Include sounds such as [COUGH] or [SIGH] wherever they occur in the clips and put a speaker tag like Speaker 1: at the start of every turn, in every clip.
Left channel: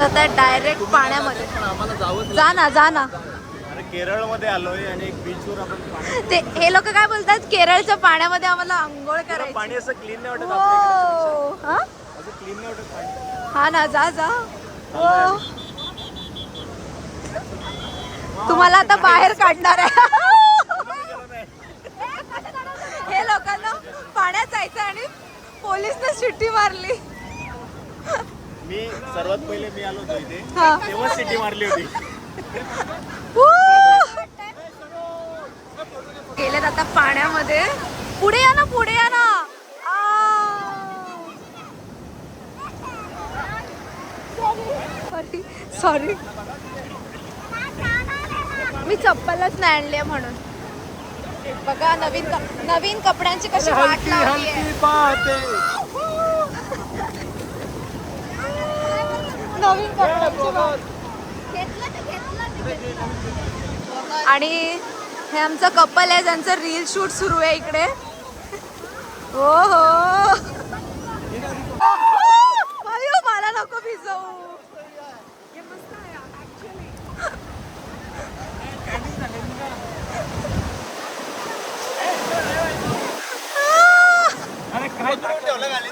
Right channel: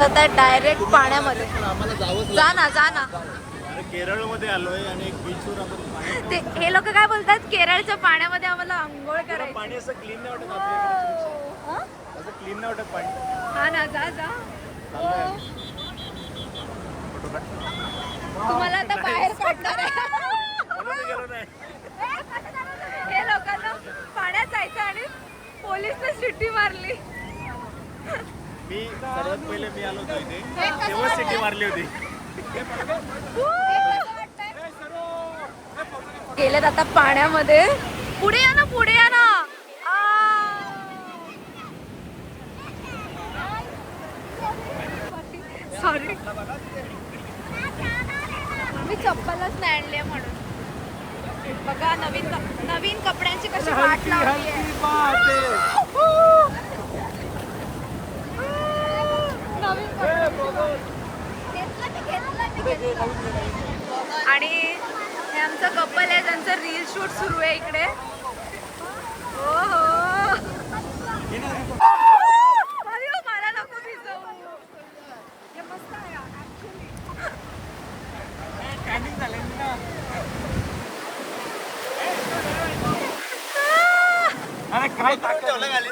Speaker 1: आता डायरेक्ट पाण्यामध्ये. जा ना जा ना.
Speaker 2: केरळमध्ये आलोय आणि एक बीचवर आपण पाणी [LAUGHS]
Speaker 1: ते हे लोक काय बोलतात? केरळच्या पाण्यामध्ये आम्हाला आंघोळ करायची.
Speaker 2: पाणी असं क्लीन नाही वाटत
Speaker 1: हो. हा?
Speaker 2: असं क्लीन नाही वाटत पाणी.
Speaker 1: हा ना जा जा. हो. तुम्हाला आता बाहेर काढणार आहे. हे लोकांना पाण्यात जायचं आणि पोलीसने शिट्टी मारली.
Speaker 2: मी सर्वात पहिले मी आलो होतो इथे. तेव्हा सिटी मारली होती.
Speaker 1: गेलेत आता पाण्यामध्ये. पुढे या ना पुढे या ना. सॉरी मी चप्पलच नाही आणली म्हणून. बघा नवीन कप- नवीन कपड्यांची कशी वाट लावली आहे नवीन कपड्यांची घेतलं ते घेतलं ते घेतलं आणि हे आमचं कपल आहे ज्यांचं रील शूट सुरू आहे इकडे. हो हो अयो, मला नको भिजवू
Speaker 3: हे मस्त आहे
Speaker 2: अरे काय ठेवलं खाली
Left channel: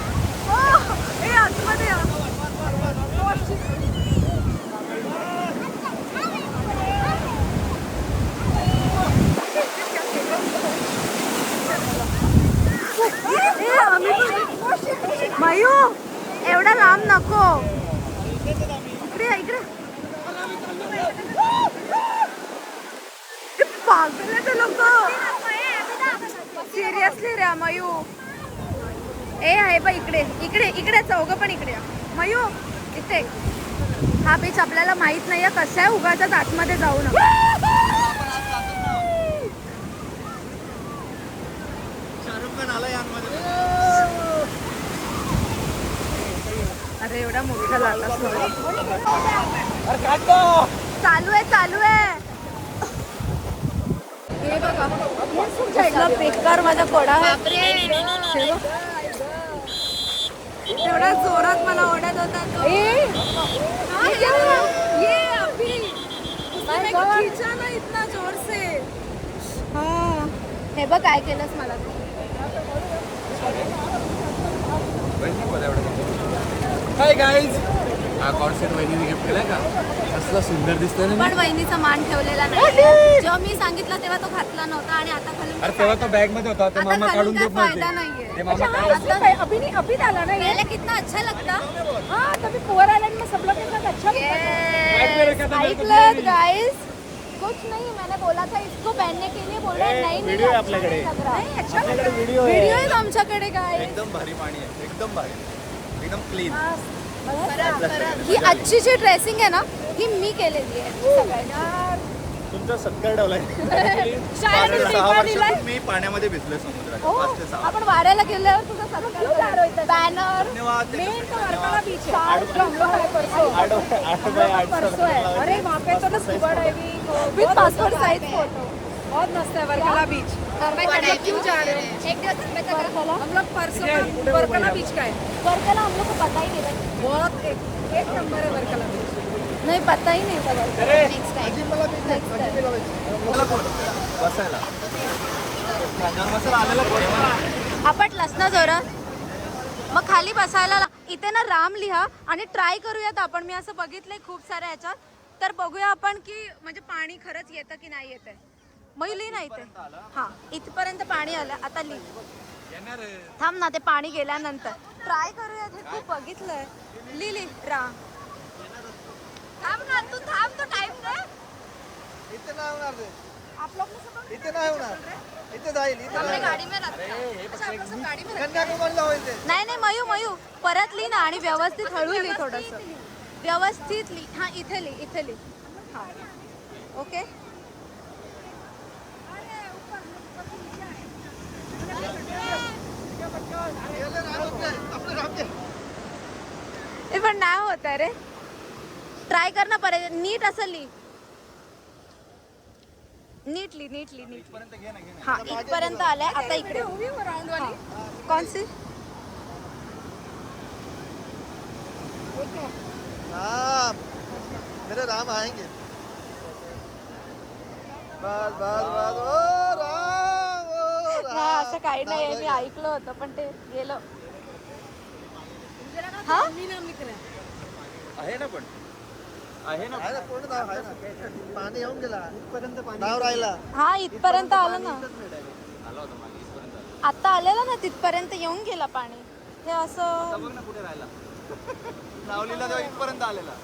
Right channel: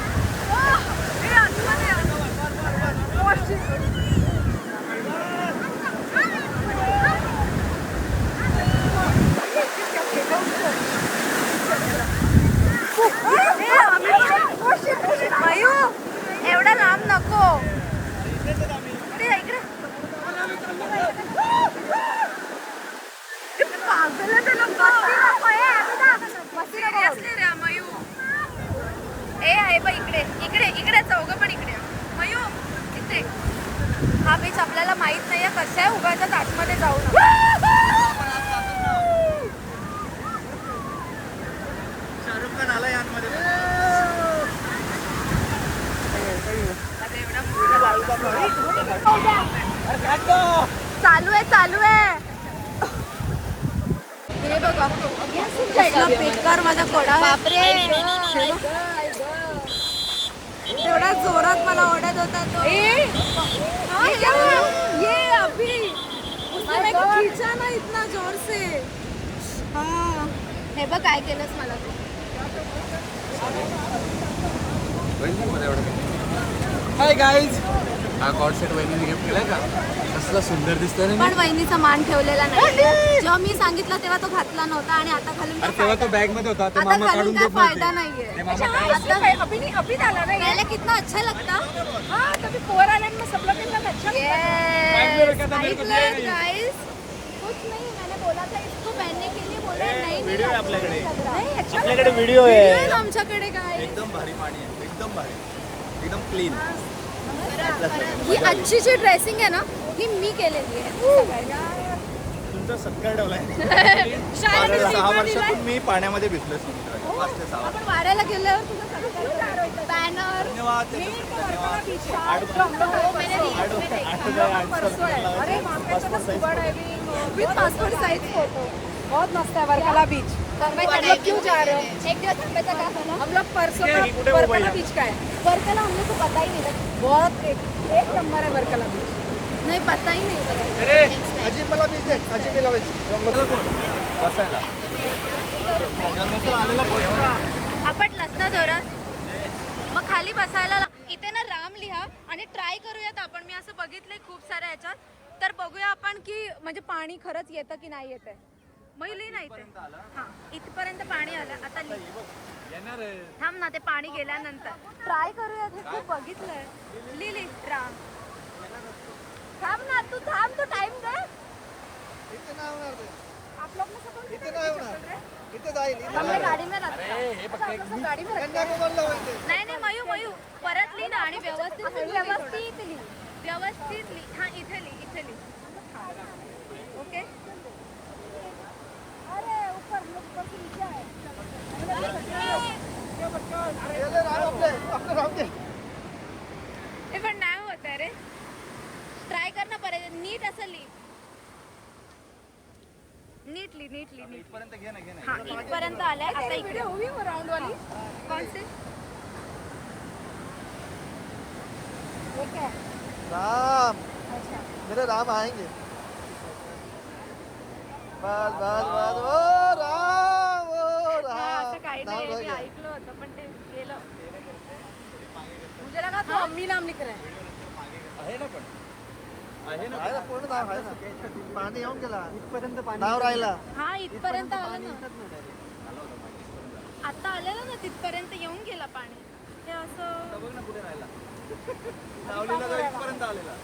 Speaker 1: हे आतमध्ये या. हे, आम्ही पण- मयू, एवढं लांब नको इकडे या, इकडे. किती पागल आहे ते लोक सिरियसली रे मयू ए आहे पण इकडे इकडे इकडे चौघ पण इकडे मयू इथे हा बीच आपल्याला माहीत नाहीये कसं आहे उगाच आतमध्ये जाऊ
Speaker 2: शाहरुख खान आला यांमध्ये
Speaker 1: आता एवढा मोठा
Speaker 2: अरे काय तो
Speaker 1: चालू आहे चालू आहे हे बघा. कसला बेकार माझा कोडा. बापरे. एवढा जोरात मला ओढत होता तो बघ. ये अभी. उसने खींचा ना इतना जोर से हा. हे बघ काय केलंस मला तू.
Speaker 2: हाय गाईज हा कॉट सेट वहिनीने गिफ्ट केलाय का? कसला सुंदर दिसतोय ना
Speaker 1: पण वहिनीचा मान ठेवलेला नाहीये. जेव्हा मी सांगितलं तेव्हा तो घातला नव्हता आणि आता घालून
Speaker 2: अरे तेव्हा तो बॅगमध्ये होता. ते मामा
Speaker 1: घालून
Speaker 2: काढून देत
Speaker 1: फायदा
Speaker 2: नव्हते
Speaker 1: नाहीये.
Speaker 2: ते मामा काय
Speaker 1: आता
Speaker 3: अभी नहीं अभी डाला ना ये
Speaker 1: पहले कितना अच्छा लगता.
Speaker 3: हाँ कभी कुंवर आइलैंड में सब लोग साथ अच्छा
Speaker 1: Yes, गाइस कुछ नहीं मैंने बोला था इसको पहनने के लिए बोल रहा है, नहीं
Speaker 2: आहे
Speaker 1: अच्छा
Speaker 2: आपल्याकडे
Speaker 1: नहीं है अच्छा
Speaker 2: आपल्याकडे व्हिडिओ आहे
Speaker 1: आहे आमच्याकडे काय
Speaker 2: एकदम भारी पाणी आहे एकदम भारी. एकदम क्लीन
Speaker 1: ही आजची जी ड्रेसिंग आहे ना ही मी केलेली आहे
Speaker 2: तुमचा सत्कार ठेवलाय. [LAUGHS] सहा वर्षातून मी पाण्यामध्ये भिजलोय समुद्राच्या पाच ते सहा.
Speaker 1: आपण वाऱ्याला गेल्यावर तुझा बॅनर
Speaker 2: धन्यवाद आठ आठ आठ बाय आठ
Speaker 3: अरे वहाँ पे तो ना scuba diving
Speaker 1: with passport size photo
Speaker 3: बहुत मस्त है वर्कला बीच
Speaker 1: वर्कला?
Speaker 3: हम लोग परसों वर्कला बीच का है।
Speaker 1: वर्कला हम लोग को पता ही नहीं था।
Speaker 3: बहुत एक एक नंबर है वर्कला।
Speaker 1: नहीं पता ही नहीं आपटलास ना जोरात. मग खाली बसायला ला- इथे ना राम लिहा आणि ट्राय करूयात आपण. मी असं बघितलंय खूप साऱ्या ह्याच्यात. तर बघूया आपण की म्हणजे पाणी खरंच येतं की नाही येतंय. मग लिही ना इथे हा इथपर्यंत पाणी आलं. आता लिही. थांब ना ते पाणी गेल्यानंतर. ट्राय करूयात हे खूप बघितलंय. लिही लिही राम थांब ना तू थांब तू टाइम दे. आप लोग ने सब हमने गाड़ी में में नाही नाही मयू मयू परत लिही ना आणि व्यवस्थित हळू लिही थोडस. व्यवस्थित लिही. हा इथे लिही इथे लिही. हा. ओके? हे पण नाही होत आहे रे. ट्राय कर ना परत. नीट असं ली नीटली नीटली नीट
Speaker 2: इथपर्यंत घे ना घे ना.
Speaker 1: हा इथपर्यंत आलाय आता इकडे. हा. कौन सी?
Speaker 4: राम. मेरे राम आएंगे. बस बस बस ओ राम ओ राम
Speaker 1: हा असं काही नाही मी ऐकलं होतं पण ते गेलं. हा?
Speaker 3: मी नाम लिख रहा है.
Speaker 2: आहे ना पण. आहे ना
Speaker 4: आहे ना पूर्ण नाव आहे ना. पाणी येऊन गेला. इथपर्यंत पाणी नाव राहिला.
Speaker 1: हा इथपर्यंत आलं ना. आता आलेलं ना तिथपर्यंत येऊन गेला पाणी. हे असं
Speaker 2: बघ ना कुठे राहिला. लावलेला तो इथपर्यंत आलेला.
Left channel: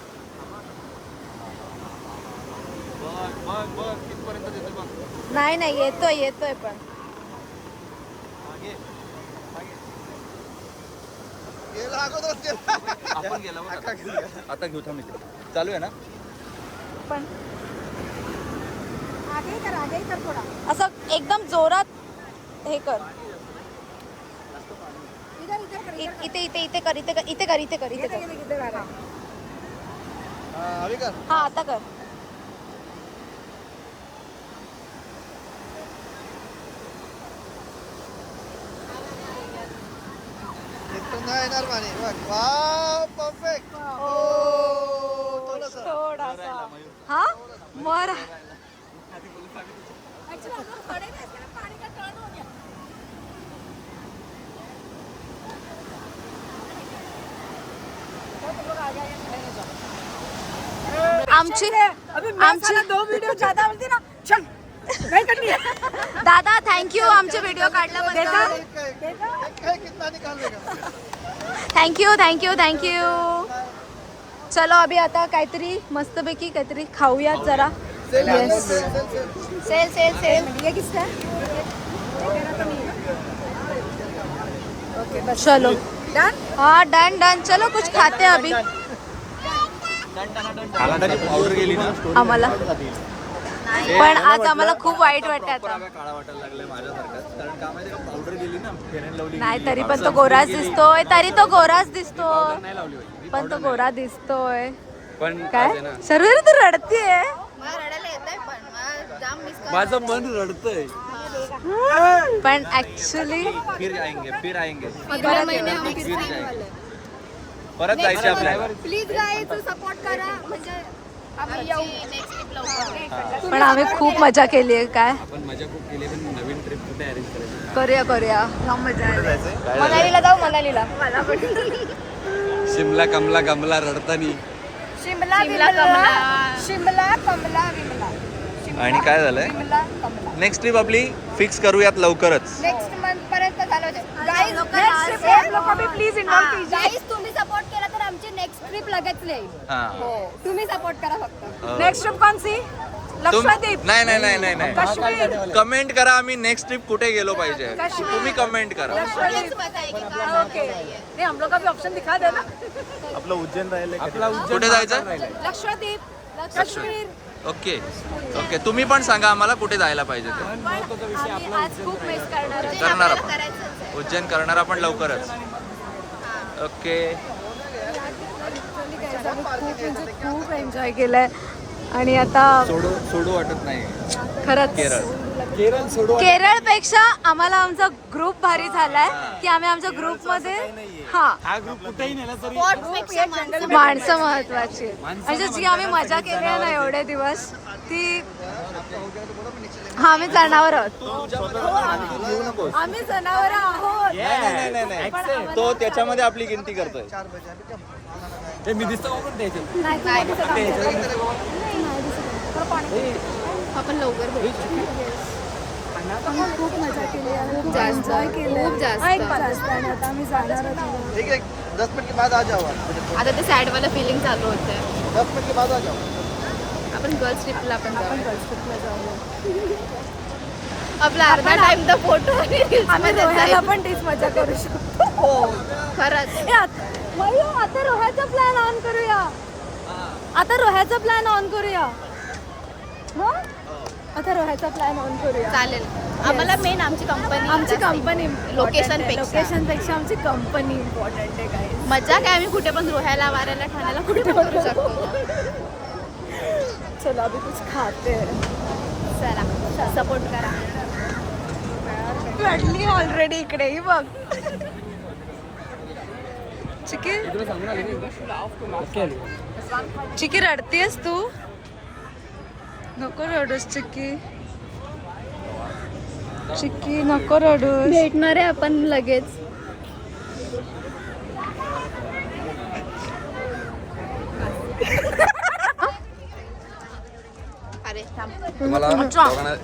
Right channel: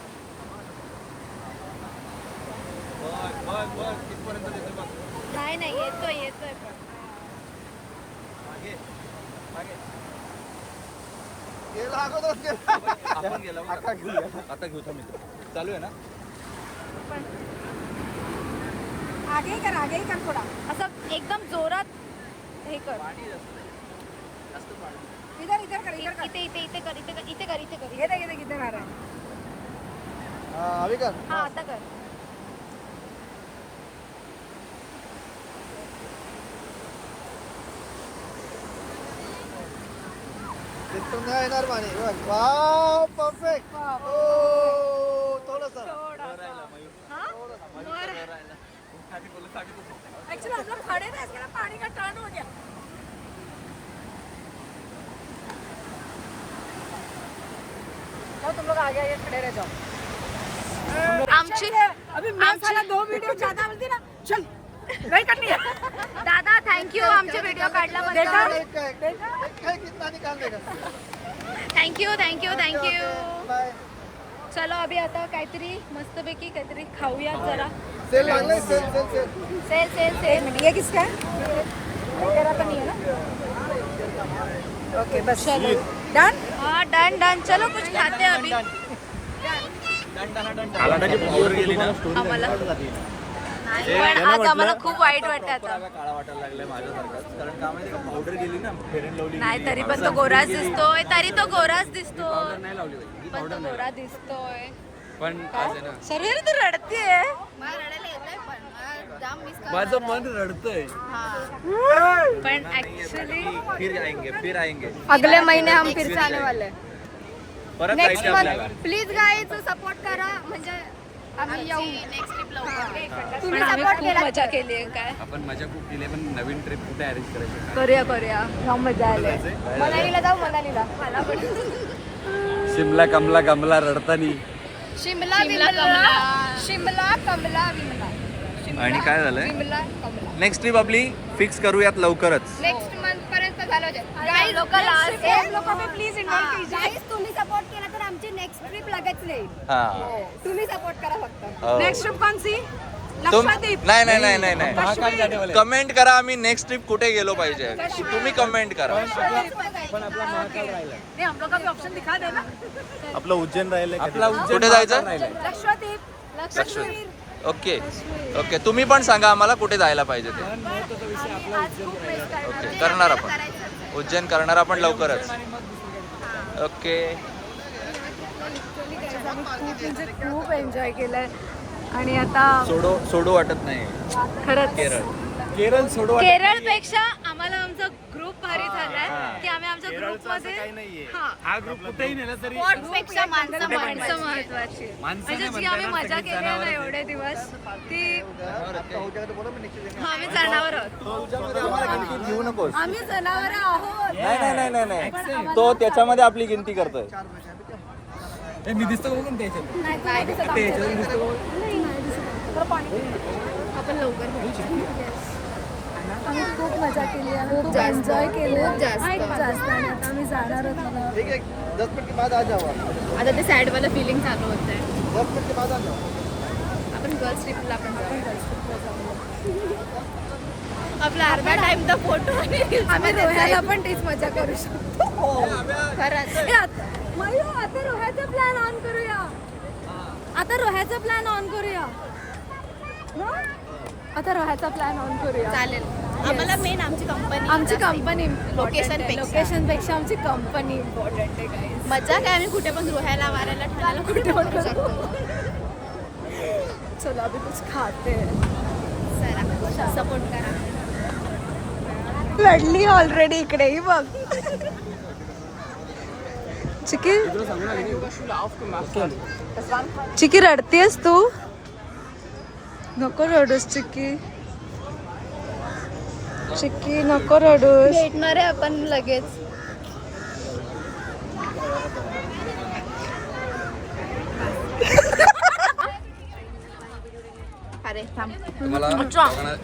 Speaker 2: बघ बघ बघ इथपर्यंत देते बघ.
Speaker 1: नाही नाही येतोय येतोय पण.
Speaker 2: मागे मागे. आपण गेला बघ आता आता घेऊ थांब. चालू आहे ना?
Speaker 1: पण
Speaker 3: आगे ही कर आगे ही कर थोड़ा.
Speaker 1: असं एकदम जोरात हे कर.
Speaker 3: इधर इधर कर
Speaker 1: इथे इथे इथे कर इथे कर इथे कर इथे कर. इथे
Speaker 3: इधर
Speaker 1: कर
Speaker 3: इधर इधर कर
Speaker 4: हा, अभी कर.
Speaker 1: हा आता कर.
Speaker 4: नाही येणार पाणी बघ वाव परफेक्ट
Speaker 1: हो.
Speaker 4: थोडंसं.
Speaker 1: थोडासा हा मर
Speaker 3: एक्चुअली हम लोग खड़े रहे थे ना पानी का टर्न हो गया चलो तुम लोग आगे आगे खड़े रह जाओ
Speaker 1: आमची
Speaker 3: अभी मैं साला दो वीडियो ज़्यादा बोलती ना चल नहीं करनी है
Speaker 1: दादा थँक्यू आमचे व्हिडिओ काढल्याबद्दल
Speaker 4: एक का एक- एक का एक कितना निकाल देगा
Speaker 1: थँक्यू थँक्यू थँक्यू चलो अभि आता काहीतरी मस्तपैकी काहीतरी खाऊयात जरा.
Speaker 4: सेल सेल सेल सेल
Speaker 3: किसका नहीं है
Speaker 1: चलो.
Speaker 3: डन
Speaker 1: डन चलो कुछ खाते हैं अभी. आम्हाला. पण आज आम्हाला खूप वाईट वाटतं आता.
Speaker 2: प्रॉपर काळा वाटायला लागले माझ्यासारखाच कारण का माहिती का पावडर गेली ना फेरन लावली
Speaker 1: नाही तरी पण तो गोराच दिसतोय तरी तो गोराच दिसतोय. पण तो गोरा दिसतोय.
Speaker 2: पण
Speaker 1: काय? सर्व तू रडतीये.
Speaker 2: माझं मन रडतंय.
Speaker 1: पण ऍक्च्युली
Speaker 2: फिर आएंगे फिर आएंगे.
Speaker 1: अगले महिने हम फिर से आने वाले.
Speaker 3: प्लीज गाईज सपोर्ट करा. म्हणजे आम्ही येऊ.
Speaker 1: पण आम्ही खूप मजा केली आहे काय?
Speaker 2: आपण मजा खूप केली पण नवीन ट्रिप कुठे अरेंज करायची?
Speaker 1: करूया करूया. जाम मजा आली.
Speaker 3: मनालीला जाऊ मनालीला. मला पण.
Speaker 2: शिमला कमला कमला रडतानी.
Speaker 3: शिमला विमला. शिमला कमला विमला.
Speaker 2: आणि काय झालंय?
Speaker 3: विमला कमला.
Speaker 2: नेक्स्ट ट्रिप आपली फिक्स करूयात लवकरच.
Speaker 3: नेक्स्ट मंथ पर्यंत झालं होते. गाईज
Speaker 1: लोकं last
Speaker 3: लोक मी प्लीज इन्व्हॉल्व कीजिए
Speaker 5: गाईज तुम्ही सपोर्ट केला तर आमची नेक्स्ट ट्रिप लगेच येईल.
Speaker 2: हा.
Speaker 5: तुम्ही सपोर्ट करा फक्त.
Speaker 2: हो.
Speaker 3: नेक्स्ट ट्रिप कौन सी
Speaker 2: तुम
Speaker 3: लक्षद्वीप
Speaker 2: नाही नाही नाही नाही. नाही कमेंट करा आम्ही नेक्स्ट ट्रिप कुठे गेलो पाहिजे. तुम्ही कमेंट करा.
Speaker 3: नहीं हम लोग का भी ऑप्शन दिखा देना
Speaker 2: कुठे जायचं?
Speaker 3: लक्षद्वीप.
Speaker 2: लक्षद्वीप. ओके. ओके तुम्ही पण सांगा आम्हाला कुठे जायला पाहिजे ते. ओके करणार आपण. उज्जैन करणार आपण लवकरच. ओके
Speaker 1: खूप म्हणजे खूप एन्जॉय केलंय. आणि आता
Speaker 2: सोडो सोडू वाटत नाही
Speaker 1: खरंच.
Speaker 2: केरळ
Speaker 1: केरळपेक्षा आम्हाला आमचा ग्रुप भारी झालाय. की आम्ही आमच्या ग्रुपमध्ये हा.
Speaker 2: हा ग्रुप कुठेही नेला तरी
Speaker 1: माणसं महत्वाची. म्हणजे जी आम्ही मजा केली आहे ना एवढे दिवस. ती हा आम्ही जनावर आहोत.
Speaker 2: नको
Speaker 1: आम्ही जनावर आहोत.
Speaker 2: नाही नाही नाही
Speaker 1: पण आम्हाला
Speaker 2: तो त्याच्यामध्ये आपली गिनती करतोय. मी दिसतो
Speaker 1: नाही आपण लवकर भेटू. आम्ही खूप मजा केली आहे खूप एन्जॉय केलं. खूप जास्त. आणि आता आम्ही जाणार आहोत
Speaker 4: ठीक दस मिनट के बाद आ जाओ
Speaker 1: आता ते सॅड वाला फिलिंग चालू होत आहे
Speaker 4: दस मिनट के बाद आ जाओ
Speaker 1: आपण गर्ल्स ट्रिपला पण आपण गर्ल्स ट्रिपला जाऊया. आपला अर्धा टाइम तर फोटो आम्ही रोह्याला पण तीच मजा करू शकतो. हो. खरंच. मयो आता रोह्याचा प्लॅन ऑन करूया. आता रोह्याचा प्लॅन ऑन करूया. आता राहायचा प्लॅन ऑन करूया.
Speaker 5: चालेल. आम्हाला मेन आमची कंपनी
Speaker 1: आमची कंपनी
Speaker 5: पेक्षा.
Speaker 1: लोकेशनपेक्षा. आमची कंपनी इम्पॉर्टंट आहे काही
Speaker 5: मजा काय? आम्ही कुठे पण रोहायला वारायला ठाण्याला कुठे पण करू शकतो.
Speaker 1: चलो अभी कुछ खाते. हैं.
Speaker 5: चला. सपोर्ट करा.
Speaker 1: रडली ऑलरेडी इकडे ही बघ. चिकी? चिकी रडतीयस तू? नको रडूस चिकी चिकी नको रडूस.
Speaker 5: भेटणार आहे आपण लगेच अरे थांब.
Speaker 6: तुम्हाला
Speaker 1: अच्छा.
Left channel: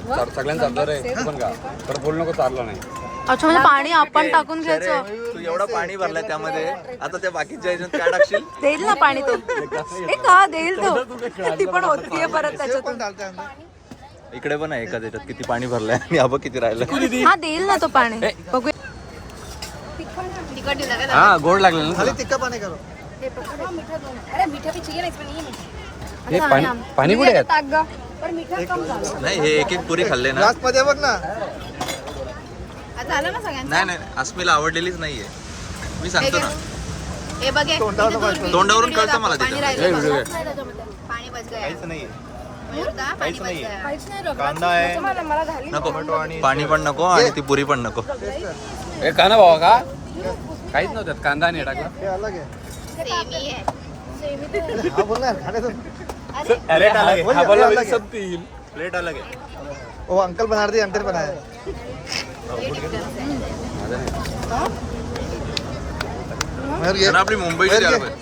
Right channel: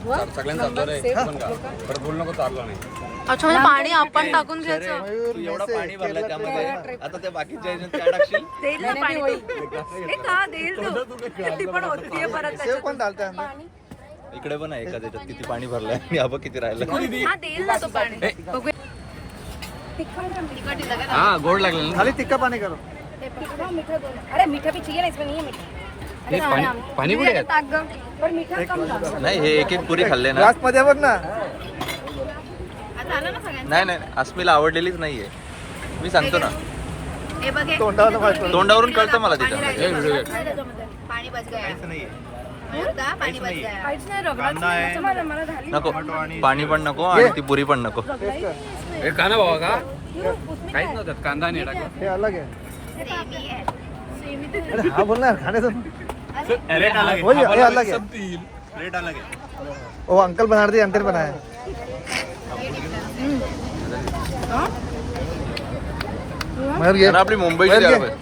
Speaker 6: का बोलू नको चाललं नाही.
Speaker 1: म्हणजे पाणी आपण टाकून घ्यायचं.
Speaker 2: तू एवढं पाणी भरलं त्यामध्ये. आता त्या बाकीच्या ह्याच्यात काय टाकशील?
Speaker 1: देईल ना पाणी तो. ए का देईल तो. ती पण होतीये परत त्याच्यातून.
Speaker 2: इकडे पण आहे एका त्याच्यात किती पाणी भरलंय. आणि हा बघ किती राहिलं
Speaker 1: हा देईल ना तो पाणी.
Speaker 6: हा गोड लागलेलं ना.
Speaker 4: खाली तिक्का पाणी करो
Speaker 3: अरे मीठा भी चाहिए ना इसमें नहीं है मीठा.
Speaker 6: हे पाणी पाणी कुठे आहे?
Speaker 3: टाक ग. पर मीठा कम डालो
Speaker 2: नाही हे एक एक पुरी खाल्ले ना.
Speaker 4: मध्ये बघ
Speaker 2: नाही नाही नाही, अस्मिला आवडलेलीच नाहीये. मी सांगतो ना.
Speaker 5: हे बघे
Speaker 2: तोंडावरून कळतं मला तिथं.
Speaker 5: पाणी बच गया पाणी बच गया
Speaker 2: नको. पाणी पण नको आणि ती पुरी पण नको.
Speaker 6: हे काना भावा का काहीच नव्हतं कांदा नाही टाकला.
Speaker 4: हे अलग आहे.
Speaker 5: सेमी आहे.
Speaker 4: हा बोल ना खाण्याचं
Speaker 2: रेट अलग
Speaker 4: बोल ना, हे अलग आहे
Speaker 2: रेट अलग आहे
Speaker 4: ओ अंकल बना रही अंकल बनाया मयूर ये
Speaker 2: आणि आपली मुंबईची द्यायला पाहिजे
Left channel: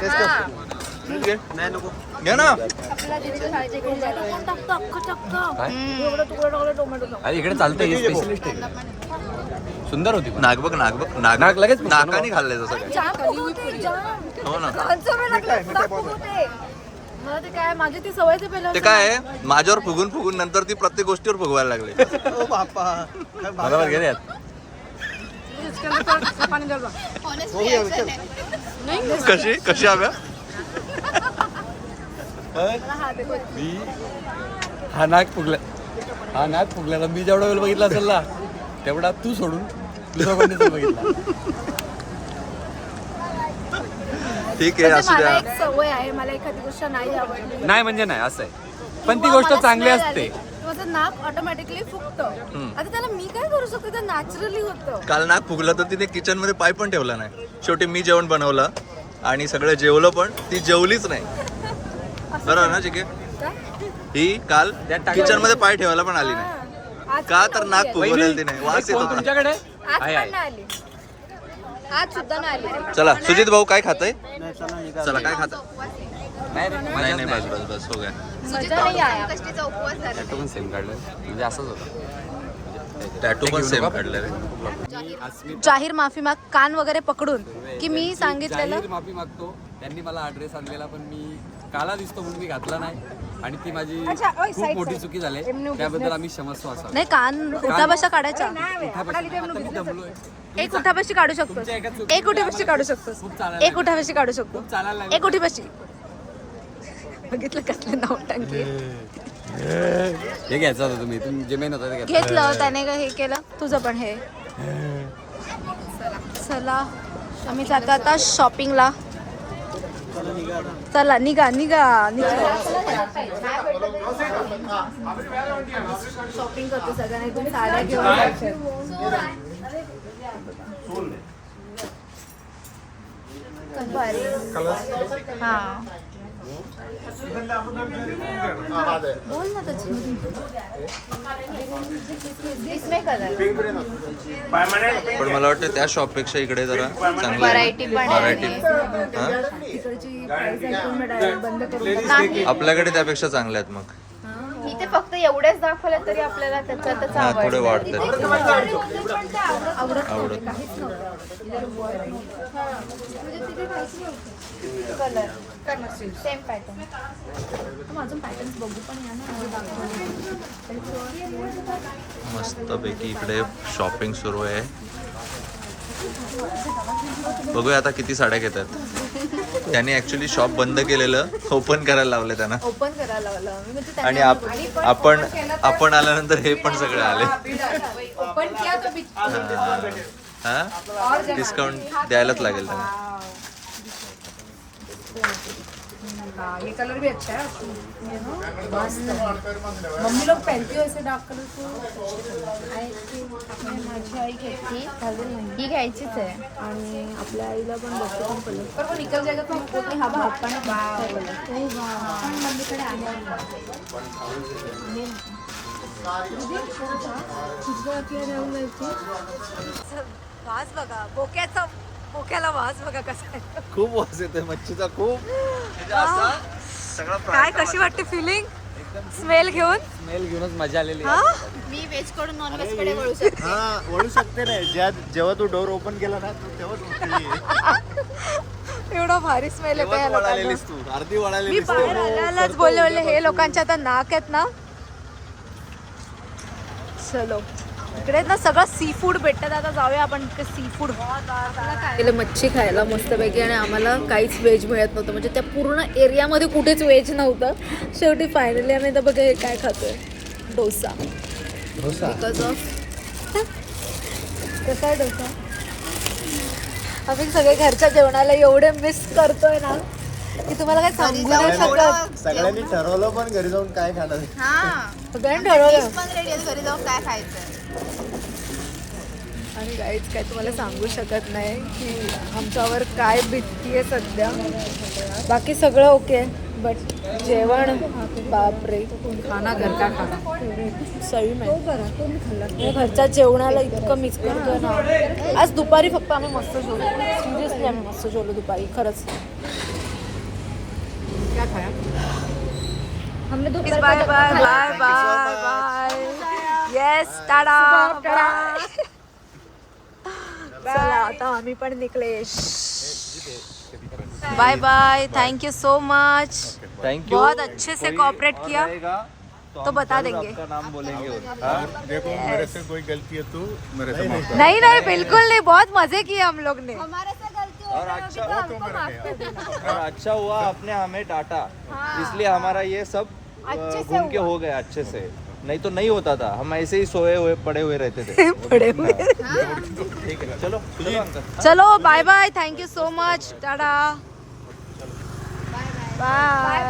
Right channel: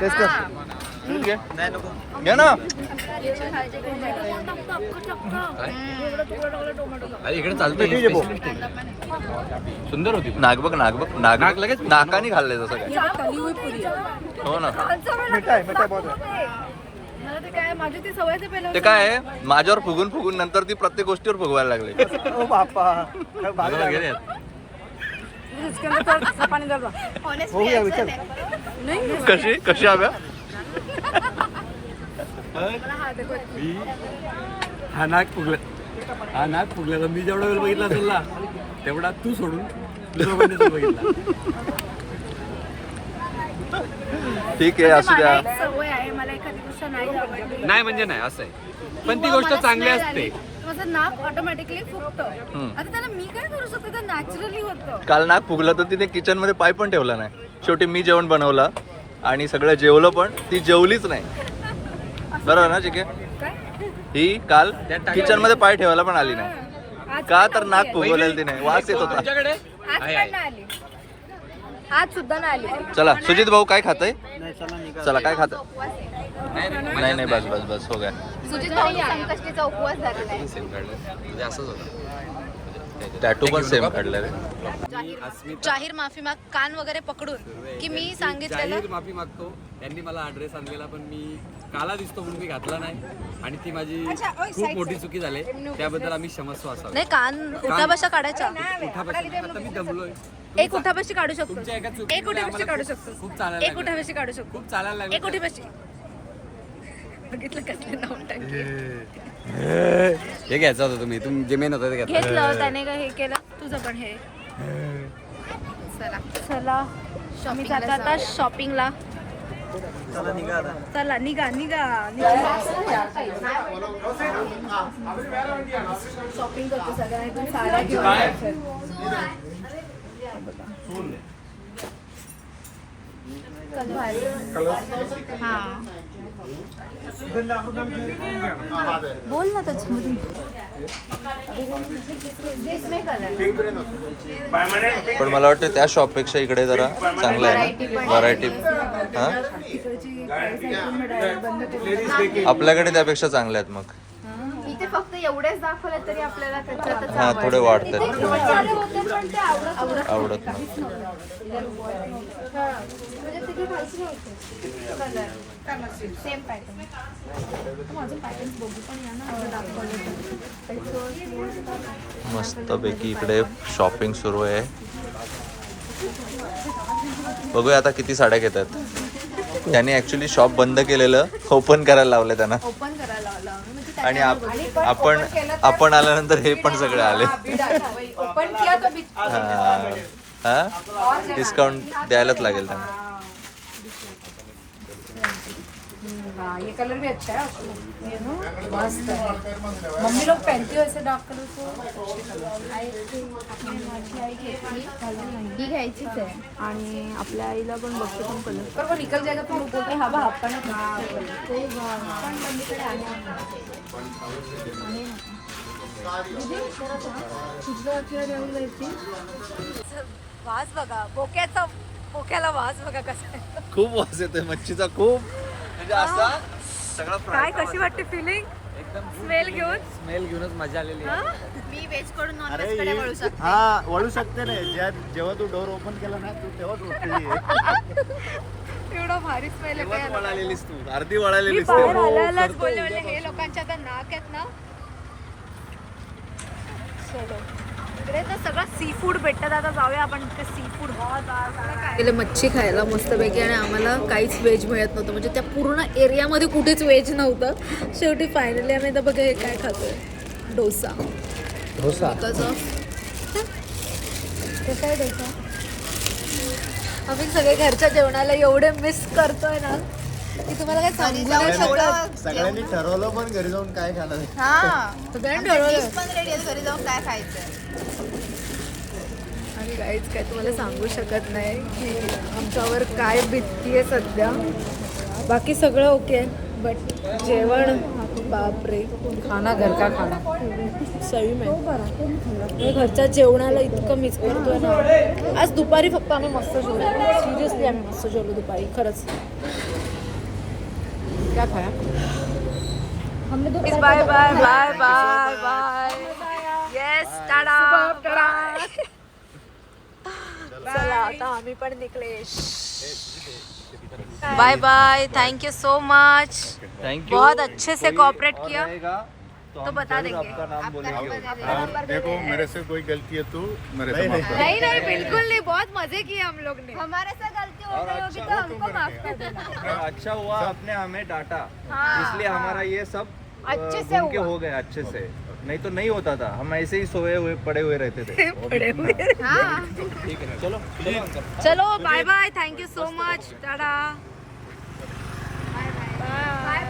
Speaker 4: टेस्ट कर
Speaker 2: घे. नाही नको घे ना?
Speaker 6: अरे इकडे चालतं सुंदर होती.
Speaker 2: नाग बघ नाग बघ नाग
Speaker 6: नाग लगेच
Speaker 2: नाकाने खाल्लंय जसं काय? हो ना.
Speaker 3: मला ते काय माझी ती सवय ते पहिलं
Speaker 2: ते काय आहे? माझ्यावर फुगून फुगून नंतर ती प्रत्येक गोष्टीवर फुगवायला लागले.
Speaker 4: ओ बापा काय हो विचार.
Speaker 2: कशी? कशी हव्या
Speaker 6: मी? हा नाक फुगला हा नाक फुगला मी जेवढा वेळ बघितला असेल ना तेवढा तू सोडून दुसरा कोणी नाही बघितला.
Speaker 2: ठीक आहे असू द्या.
Speaker 3: एक सवय आहे मला एखादी गोष्ट नाही आवडली.
Speaker 6: नाही म्हणजे नाही असं आहे. पण ती
Speaker 3: किंवा
Speaker 6: गोष्ट
Speaker 3: मला
Speaker 6: चांगली
Speaker 3: smell
Speaker 6: असते.
Speaker 3: माझं नाक ऑटोमॅटिकली फुगतं.
Speaker 2: हम्म.
Speaker 3: आता त्याला मी काय करू शकते? ते नॅचरली होतं.
Speaker 2: काल नाक फुगलं तर तिने किचनमध्ये पाय पण ठेवला नाही. शेवटी मी जेवण बनवलं आणि सगळं जेवलं पण ती जेवलीच नाही. बरोबर ना चिके
Speaker 3: काय?
Speaker 2: ही काल किचनमध्ये पाय ठेवायला पण आली नाही.
Speaker 3: आज
Speaker 2: का तर नाक फुगवलेलं तिने? वास येत होता.
Speaker 6: आहे, आहे.
Speaker 3: आली.
Speaker 5: आज सुद्धा नाही आली.
Speaker 2: चला सुजित भाऊ काय खातय? चला काय खात नाही नाही बस बस बस हो गया.
Speaker 6: पण सेम काढलं म्हणजे असंच होतं.
Speaker 2: टॅटू पण सेम काढलं रे.
Speaker 6: अस्मित
Speaker 1: जाहीर माफी माग कान वगैरे पकडून की मी सांगितलेलं?
Speaker 6: जाहीर माफी मागतो. त्यांनी मला ऍड्रेस आणलेला पण मी काला दिसतो म्हणून मी घातला नाही. आणि ती माझी खूप मोठी चुकी झाली. त्याबद्दल आम्ही क्षमस्व असावं.
Speaker 1: नाही कान उठाबशा काढायच्या
Speaker 6: उठापासून आता मी दमलोय
Speaker 1: एक उठाबशी काढू शकतो.
Speaker 6: तुमच्या एका चुकीमुळे
Speaker 1: एक
Speaker 6: आम्हाला
Speaker 1: काढू
Speaker 6: खूप-
Speaker 1: शकतोस
Speaker 6: खूप चालायला
Speaker 1: एक उठाबशी काढू शकतो.
Speaker 6: खूप चालायला लागलं.
Speaker 1: एक उठीबशी बघितलं कसले नवटंकी
Speaker 6: हे घ्यायचं होतं तुम्ही. तुम्ही जे मेन होतं ते घ्यायचं
Speaker 1: घेतलं त्याने काय हे केलं. तुझं पण हे. चला. आम्ही जातो आता शॉपिंगला चला निघा निघा निघा शॉपिंग करतो सगळ्यांना साड्या घेऊन. हा. बोल ना त्याच्यामध्ये
Speaker 2: पण मला वाटतं त्या शॉपपेक्षा इकडे जरा चांगलं आहे व्हरायटी हा. आपल्याकडे त्यापेक्षा चांगल्या आहेत मग.
Speaker 5: इथे फक्त एवढेच दाखवलं तरी आपल्याला त्याच्यातच
Speaker 2: हा थोडे वाढतात.
Speaker 3: आवडत. म्हणजे तिथे काहीच नव्हतं.
Speaker 5: सेम पॅटर्न
Speaker 3: माझं पॅटर्न बघू पण या ना जे दाखवले
Speaker 2: मस्तपैकी इकडे शॉपिंग सुरू आहे. बघूया आता किती साड्या घेतात. त्यांनी ऍक्च्युली शॉप बंद केलेलं ओपन करायला लावलं त्यांना.
Speaker 3: ओपन करायला
Speaker 1: लावलं. आम्ही. म्हणजे
Speaker 2: आणि
Speaker 1: त्यांनी
Speaker 2: आप- आपण आपण आल्यानंतर हे पण सगळे आले.
Speaker 3: ओपन किया तो बीच
Speaker 2: हा. डिस्काउंट द्यायलाच लागेल त्यांना.
Speaker 3: हाँ, ये कलर भी अच्छा है मस्त मम्मी लोग पहनती हो ऐसे डार्क कलर को?
Speaker 5: ही घ्यायचीच आहे
Speaker 1: आणि आपल्या आईला पण बघतो पण कलर
Speaker 3: पर वो निकल जाएगा तो हमको
Speaker 1: हा बा आपण
Speaker 3: पण मम्मीकडे आहे
Speaker 1: वास बघा बोक्याचा बोक्याला वास बघा कसा.
Speaker 2: खूप वास येतोय मच्छीचा खूप. म्हणजे असा सगळा
Speaker 1: काय कशी वाटते. फिलिंग स्मेल घेऊन?
Speaker 6: स्मेल घेऊनच मजा आलेली
Speaker 1: हा?
Speaker 5: मी व्हेजकडून नॉन व्हेजकडे वळू शकते.
Speaker 4: हा वळू शकते नाही ज्या जेव्हा तू डोर ओपन केला ना तू तेव्हाच उठली
Speaker 1: एवढा भारी स्मेल येतो या
Speaker 2: तेव्हाच
Speaker 1: लोकांना.
Speaker 2: वळालेलीस तू. अर्धी
Speaker 1: मी
Speaker 2: वळालेलीस
Speaker 1: बाहेर आल्यालाच बोलले बोलले हे लोकांच्या आता नाक आहेत ना. चलो. इकडे ना सगळं सी फूड भेटतात. आता जाऊया आपण इकडे सी फूड गेले मच्छी खायला मस्तपैकी आणि आम्हाला काहीच व्हेज मिळत नव्हतं. म्हणजे त्या पूर्ण एरियामध्ये कुठेच व्हेज नव्हतं. शेवटी फायनली आम्ही आता बघा हे काय खातोय. डोसा. बिकॉज ऑफ कसं आहे डोसा? आपण सगळे घरच्या जेवणाला एवढे मिस करतोय ना की तुम्हाला काय
Speaker 4: सगळ्यांनी ठरवलं पण घरी जाऊन काय खाणार?
Speaker 5: हा.
Speaker 1: सगळ्यांनी ठरवलं.
Speaker 5: पण रेडी आहे घरी जाऊन काय खायचंय?
Speaker 1: आणि काहीच काय तुम्हाला सांगू शकत नाही की आमच्यावर काय भीती आहे सध्या. बाकी सगळं ओके बट जेवण बापरे खाना घर का खाना सही में मी घरच्या जेवणाला इतकं मिस करतोय ना. आज दुपारी फक्त आम्ही मस्त जेवलो. सिरियसली आम्ही मस्त जेवलो दुपारी खरंच. क्या खाया? Bye bye bye bye bye yes tada bye चला आता आम्ही पण निघले bye bye thank you so much
Speaker 2: thank you
Speaker 1: बहुत अच्छे से कोऑपरेट किया। तो बता देंगे।
Speaker 2: आपका नाम बोलेंगे।
Speaker 7: और देखो मेरे से कोई गलती है तो मेरे से माफ़ कर
Speaker 1: नहीं नहीं बिल्कुल नहीं। बहुत मज़े किए हम लोग ने। हमारे से गलती हो गई होगी तो हमको माफ़ कर देना।
Speaker 2: अच्छा हुआ आपने हमें डांटा। इसलिए हमारा ये सब अ, घूम के हो गया अच्छे से। नहीं तो नहीं होता था। हम ऐसे ही सोए हुए पड़े हुए रहते थे। [LAUGHS]
Speaker 1: पड़े हुए
Speaker 2: चलो
Speaker 1: चलो bye bye thank you so much tata. Bye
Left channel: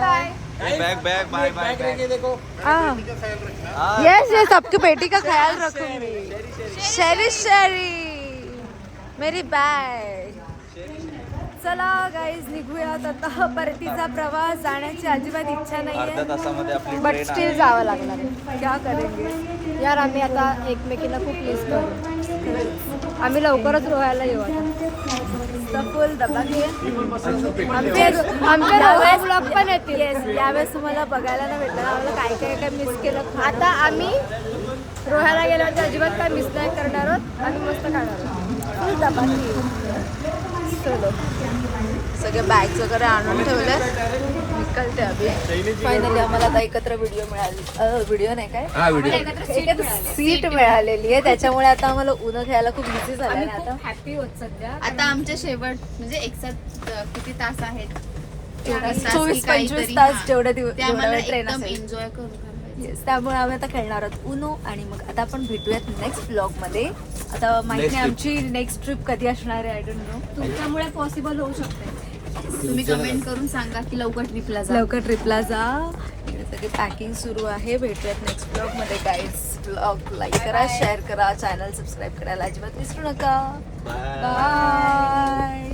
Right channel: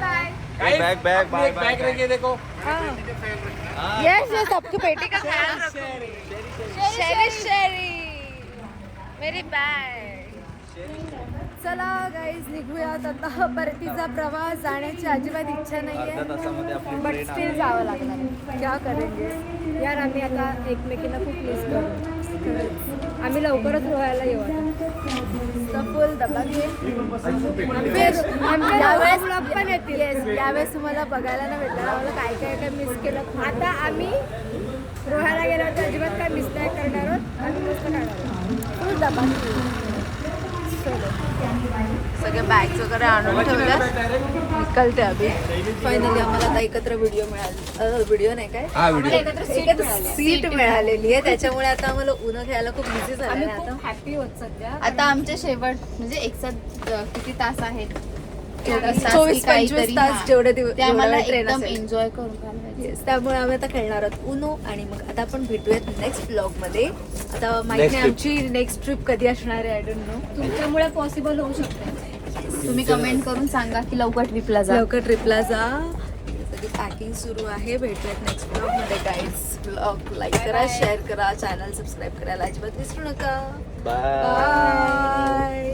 Speaker 2: bag bag bye bye
Speaker 6: देखो।
Speaker 1: यस यस आपकी बेटी का ख्याल रखूँगी। शेरी शेरी मेरी बॅग चला गाईज निघूयात. आता परतीचा प्रवास जाण्याची अजिबात इच्छा
Speaker 2: तासामध्ये आपली
Speaker 1: बट स्टील जावं लागणार आहे. क्या करेंगे? यार आम्ही आता एकमेकीला खूप मिस करू. आम्ही लवकरच रोहायला येऊ आता. फुल घे आमचे यावेळेस ब्लॉग पण येतील. येस यावेळेस तुम्हाला बघायला नाही भेटलं आम्हाला काय काय काय मिस केलं? आता आम्ही रोहायला गेल्यावरती अजिबात काय मिस नाही करणार आहोत. आम्ही मस्त खाणार आहोत फुल डबा चलो सगळे बॅग्स वगैरे आणून ठेवल्या निकलते अभि फायनली आम्हाला आता एकत्र व्हिडिओ मिळाली. व्हिडिओ नाही काय?
Speaker 6: हा
Speaker 1: एकत्र सीट मिळालेली आहे. त्याच्यामुळे आता आम्हाला उन्हा घ्यायला खूप इझी झालं आता. हॅपी होत सध्या.
Speaker 5: आता आमचे शेवट म्हणजे अ, किती तास आहेत? चोवीस
Speaker 1: पंचवीस तास. जेवढे दिवस जेवढा वेळ ट्रेन
Speaker 5: एकदम
Speaker 1: असेल.
Speaker 5: एन्जॉय करून घालवायचं.
Speaker 1: येस त्यामुळे आम्ही आता खेळणार आहोत उनो आणि मग आता आपण भेटूयात नेक्स्ट ब्लॉगमध्ये आता माहिती नाही आमची नेक्स्ट ट्रिप कधी असणार आहे आय डोंट नो
Speaker 5: तुमच्यामुळे पॉसिबल होऊ शकते तुम्ही कमेंट करून सांगा की लवकर ट्रिपला जा.
Speaker 1: लवकर ट्रिपला जा. सगळी पॅकिंग सुरू आहे. भेटूयात नेक्स्ट ब्लॉगमध्ये गाईड्स ब्लॉग लाईक करा शेअर करा चॅनल सबस्क्राईब करायला अजिबात विसरू नका. बाय